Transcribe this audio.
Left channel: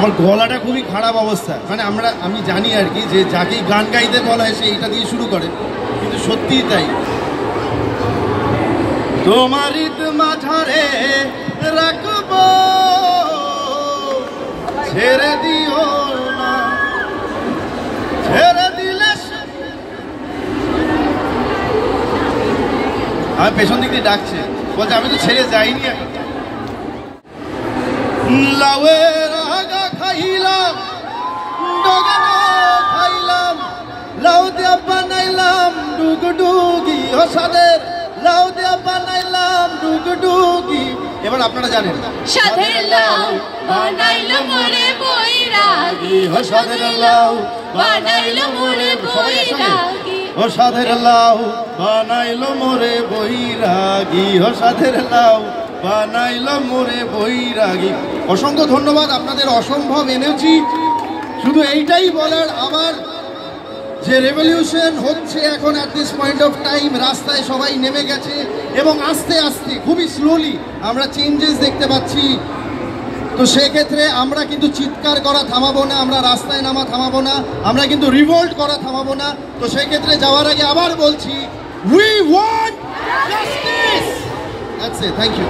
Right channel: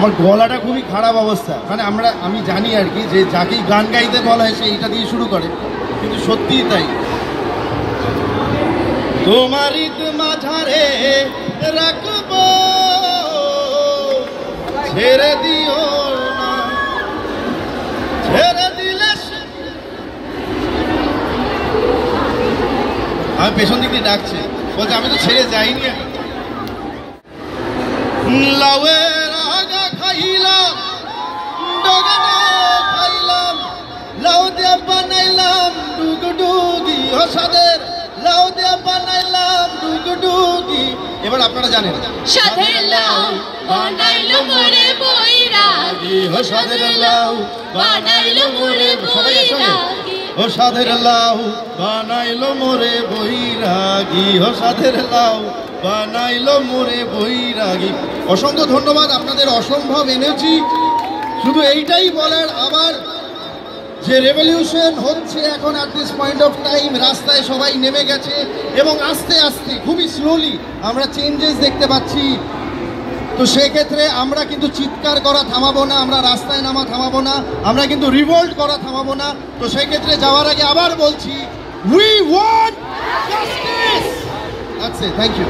আমার গলাটা খুবই খারাপ অবস্থা, মানে আমি জানি আর কি যে যাকেই গান গাইতে বলা হয় সে এইটা দিয়ে শুরু করে, কিন্তু সত্যিই তাই। তোমারই মাঝারে রাখবো, ছেড়ে দিও না, ছেড়ে দিলে। আমি পেছন দিক দিয়ে ডাকছে, বলছে আমি তো ছেড়ে যাইনি। লাউয়ের আগা খাইলাম, ডগানো খাইলাম, লাউ দিয়া বানাইলাম ডুগডুগি, হসাদের লাউ দিয়া বানাইলাম ডুগডুগি। এবার আপনারা জানেন, সাদের লাউ বানাইলো মোরে বৈরাগী, হসাদের লাউ বানাইলো মোরে বৈরাগী, ও সাদের লাউ বানাইলো মোরে বৈরাগী, ও সাদের লাউ বানাইলো মোরে বৈরাগী। অসংখ্য ধন্যবাদ আপনাদের অসম্ভব এনার্জি। শুধু এইটাই বলার আমার যে রেভলিউশন হচ্ছে এখন at this point of time, রাস্তায় সবাই নেমে গেছে এবং আস্তে আস্তে খুবই স্লোলি আমরা চেঞ্জেস দেখতে পাচ্ছি। তো সেক্ষেত্রে আমরা কিন্তু চিৎকার করা থামাবো না, আমরা রাস্তায় নামা থামাবো না, আমরা কিন্তু রিভোল্ট করা থামাবো না। তো সেই ক্ষেত্রে যাওয়ার আগে আবার বলছি, we want justice. That's it, thank you.